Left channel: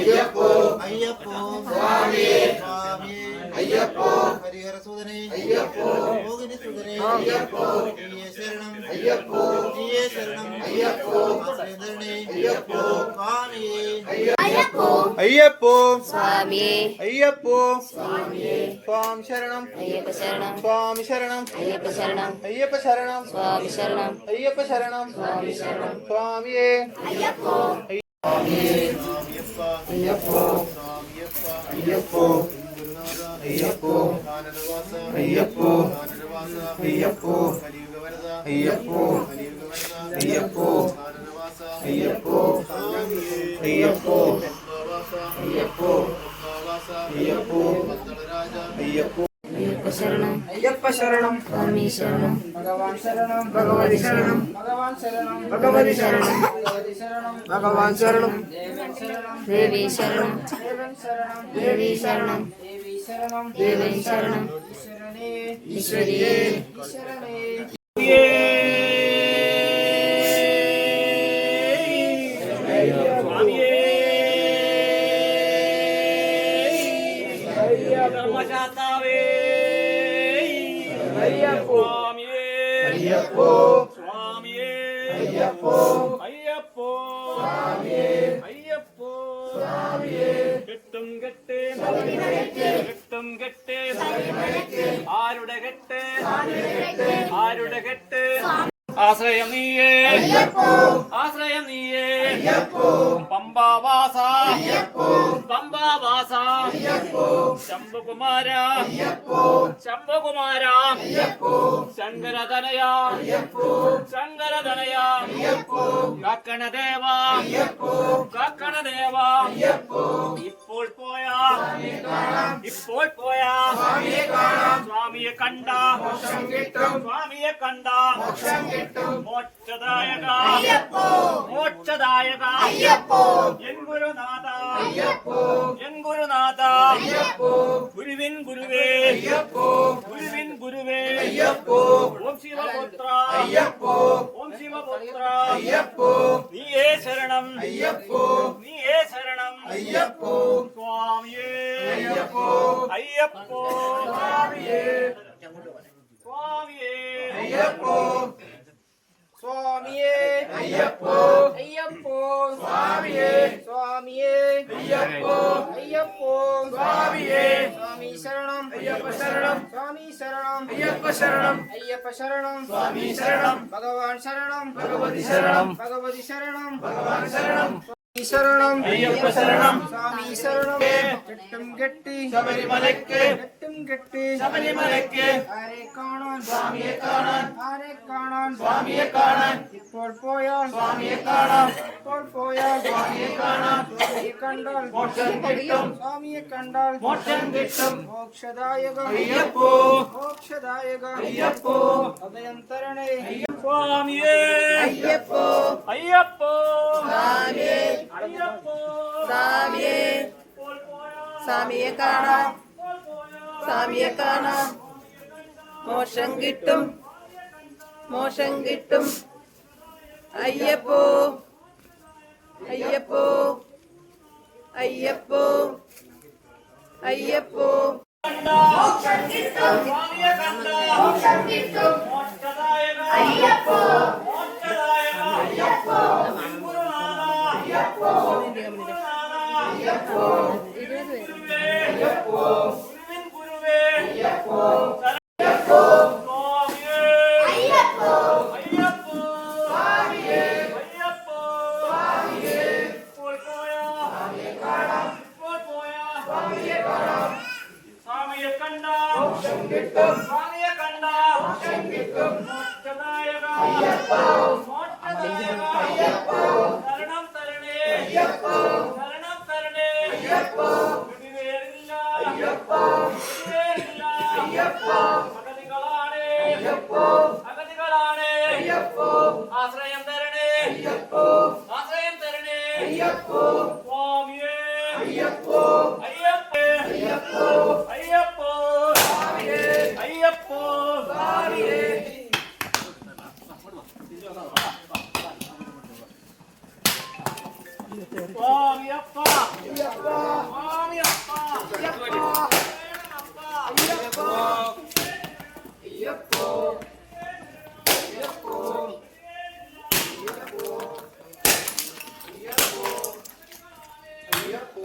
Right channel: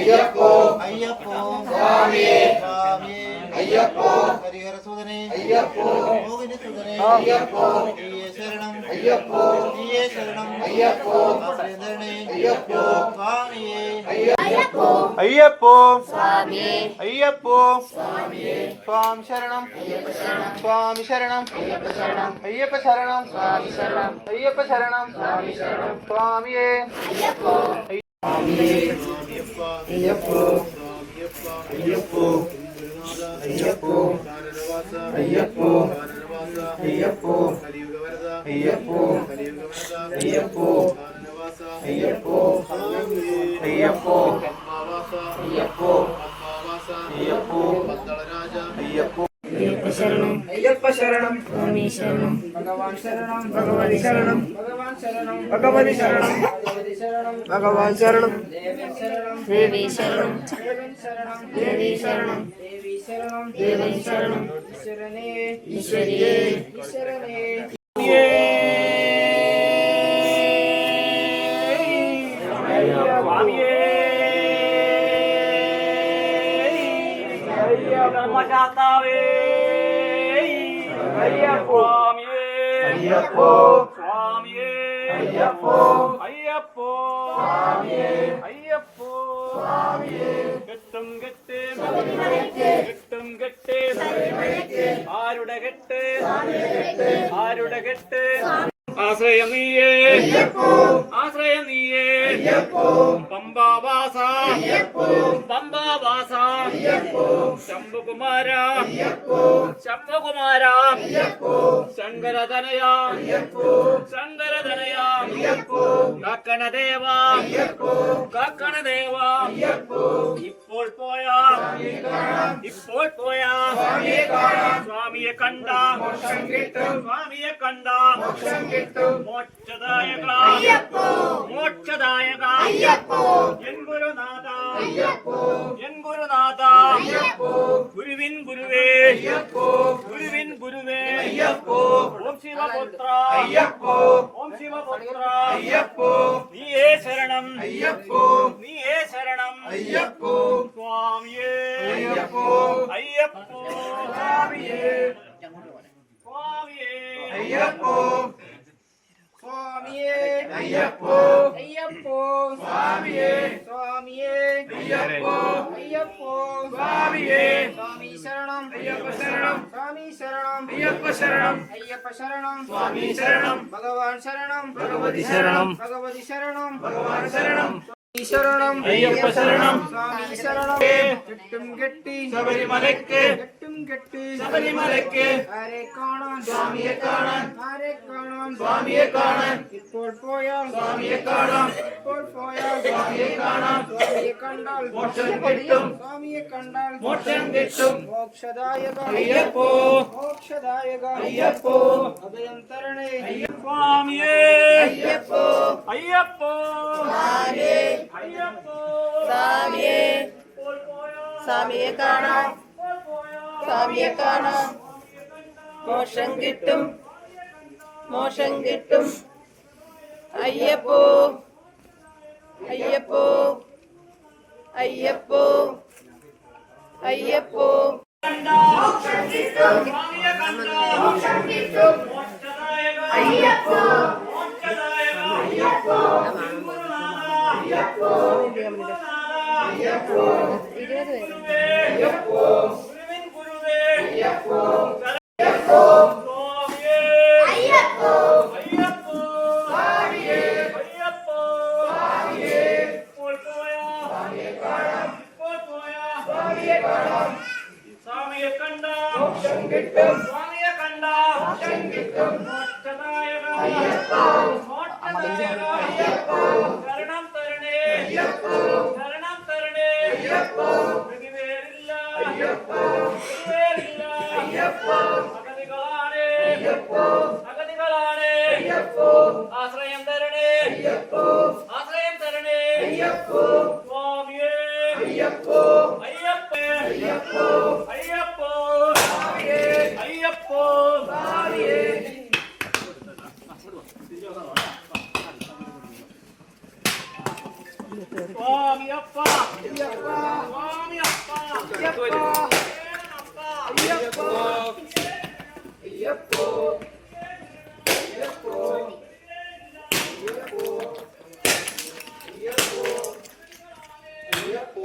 അയ്യപ്പോ അയ്യപ്പോ സ്വാമിയേ സ്വാമിയേ അയ്യപ്പോ ഹരിഹരസുതനേ അയ്യപ്പോ മോഹിനിസുതനേ അയ്യപ്പോ നീയേ ശരണം അയ്യപ്പോ നീയേ ശരണം അയ്യപ്പോ ആശ്രയധരണേ അയ്യപ്പോ സ്വാമിയേ അയ്യപ്പോ അയ്യപ്പോ സ്വാമിയേ അയ്യപ്പോ സ്വാമിയേ സ്വാമി ശരണം അയ്യപ്പ ശരണം സ്വാമി ശരണം അയ്യപ്പ ശരണം അയ്യപ്പ ശരണം സ്വാമി ശരണം അയ്യപ്പ ശരണം സ്വാമി ശരണം സ്വാമിയേ അയ്യപ്പോ അയ്യപ്പോ അയ്യപ്പോ അയ്യപ്പോ അയ്യപ്പോ അയ്യപ്പോ അയ്യപ്പോ അയ്യപ്പോ അയ്യപ്പോ അയ്യപ്പോ അയ്യപ്പോ അയ്യപ്പോ അയ്യപ്പോ അയ്യപ്പ ശരണം അയ്യപ്പ ശരണം സ്വാമി ശരണം ഭഗവാൻ ശരണം ഭഗവതി ശരണം ഭഗവാൻ ശരണം ഭഗവതി ശരണം ഭഗവതി ശരണം ഭഗവാൻ ശരണം ദേവൻ ശരണം ദേവി ശരണം ദേവൻ ശരണം ദേവി ശരണം ദേവി ശരണം ദേവൻ ശരണം ഈശ്വരനേ ഈശ്വരിയേ ഈശ്വരനേ അയ്യപ്പോ അയ്യപ്പോ അയ്യപ്പോ അയ്യപ്പോ സ്വാമിയേ അയ്യപ്പോ സ്വാമിയേ കെട്ടും കെട്ട് ശബരിമലയ്ക്ക് കെട്ടും കെട്ട് ശബരിമലയ്ക്ക് ആരുടെ കെട്ട് സ്വാമിയെ കെട്ട് ആരുടെ കെട്ട് ആശ്രയം നീയേ അയ്യപ്പോ ആശ്രയം നീയേ അയ്യപ്പോ പമ്പാവാസ അയ്യപ്പോ പമ്പാവാസ അയ്യപ്പോ ശംഭുകുമാര അയ്യപ്പോ ശംഭുകുമാര അയ്യപ്പോ ശങ്കരതനയ അയ്യപ്പോ ശങ്കരതനയ അയ്യപ്പോ കാക്കണദേവ അയ്യപ്പോ കാക്കണദേവ അയ്യപ്പോ ഇപ്പോൾ പോയ സ്വാമിയെ കാണാം ഇപ്പോൾ പോയ സ്വാമിയെ കാണാം സ്വാമിയെ കണ്ട മോക്ഷം കിട്ടും സ്വാമിയെ കണ്ട മോക്ഷം കിട്ടും മോക്ഷദായക അയ്യപ്പോ മോക്ഷദായക അയ്യപ്പോ എൻ ഗുരുനാഥ അയ്യപ്പോ എൻ ഗുരുനാഥ അയ്യപ്പോ ഗുരുവിൻ ഗുരുവേ അയ്യപ്പോ ഗുരുവിൻ ഗുരുവേ അയ്യപ്പോ ഓം ശിവപുത്ര അയ്യപ്പോ ഓം ശിവപുത്ര അയ്യപ്പോ നീയേ ശരണം അയ്യപ്പോ നീയേ ശരണം അയ്യപ്പോ സ്വാമിയേ അയ്യപ്പോ അയ്യപ്പോ സ്വാമിയേ സ്വാമിയേ അയ്യപ്പോ സ്വാമിയേ അയ്യപ്പോ അയ്യപ്പോ സ്വാമിയേ സ്വാമിയേ അയ്യപ്പോ അയ്യപ്പോ സ്വാമിയേ സ്വാമി ശരണം അയ്യപ്പ ശരണം സ്വാമി ശരണം അയ്യപ്പ ശരണം അയ്യപ്പ ശരണം സ്വാമി ശരണം ഭഗവാൻ ശരണം ഭഗവതി ശരണം ഭഗവതി ശരണം ഭഗവാൻ ശരണം സ്വാമി ശരണം അയ്യപ്പ ശരണം സ്വാമി ശരണം കെട്ടും കെട്ടി ശബരിമലയ്ക്ക് കെട്ടും കെട്ടി ശബരിമലയ്ക്ക് ആരെ കാണാൻ സ്വാമിയെ കാണാൻ ആരെ കാണാൻ സ്വാമിയെ കാണാൻ ഇപ്പോൾ പോയാൽ സ്വാമിയെ കാണാം ഇപ്പോൾ പോയാൽ സ്വാമിയെ കാണാം സ്വാമിയെ കണ്ടാൽ മോക്ഷം കിട്ടും സ്വാമിയെ കണ്ടാൽ മോക്ഷം കിട്ടും മോക്ഷദായക അയ്യപ്പോ മോക്ഷദായക അയ്യപ്പോ അഭയം തരണേ സ്വാമിയേ അയ്യപ്പോ അയ്യപ്പോ സ്വാമിയേ അയ്യപ്പോ സ്വാമിയേ സ്വാമിയെ കാണാം സ്വാമിയെ കാണാം മോക്ഷം കിട്ടും മോക്ഷം കിട്ടും അയ്യപ്പോ അയ്യപ്പോ അയ്യപ്പോ അയ്യപ്പോ അയ്യപ്പോ അയ്യപ്പോ 20 പേര് അയ്യപ്പോ അയ്യപ്പോ അയ്യപ്പോ സ്വാമിയേ സ്വാമിയേ സ്വാമിയെ കാണാം സ്വാമിയെ കാണാം സ്വാമിയെ കണ്ട മോക്ഷം കിട്ടും സ്വാമിയെ കണ്ട മോക്ഷം കിട്ടും മോക്ഷദായക അയ്യപ്പോ മോക്ഷദായക അയ്യപ്പോ ശരണം തരണേ അയ്യപ്പോ ശരണം തരണേ അയ്യപ്പോ ഗതിവേറില്ല അയ്യപ്പോ ഗതിവേറില്ല അയ്യപ്പോ അഗതികളാണ് അയ്യപ്പോ അഗതികളാണ് അയ്യപ്പോ ആശ്രയം തരണേ അയ്യപ്പോ ആശ്രയം തരണേ അയ്യപ്പോ സ്വാമിയേ അയ്യപ്പോ അയ്യപ്പേ അയ്യപ്പോ അയ്യപ്പോ സ്വാമിയേ അയ്യപ്പോ സ്വാമിയേ സ്വാമിയപ്പ അയ്യപ്പ സ്വാമിയപ്പ അയ്യപ്പ ശരണമപ്പ അയ്യപ്പ അയ്യപ്പ അയ്യപ്പ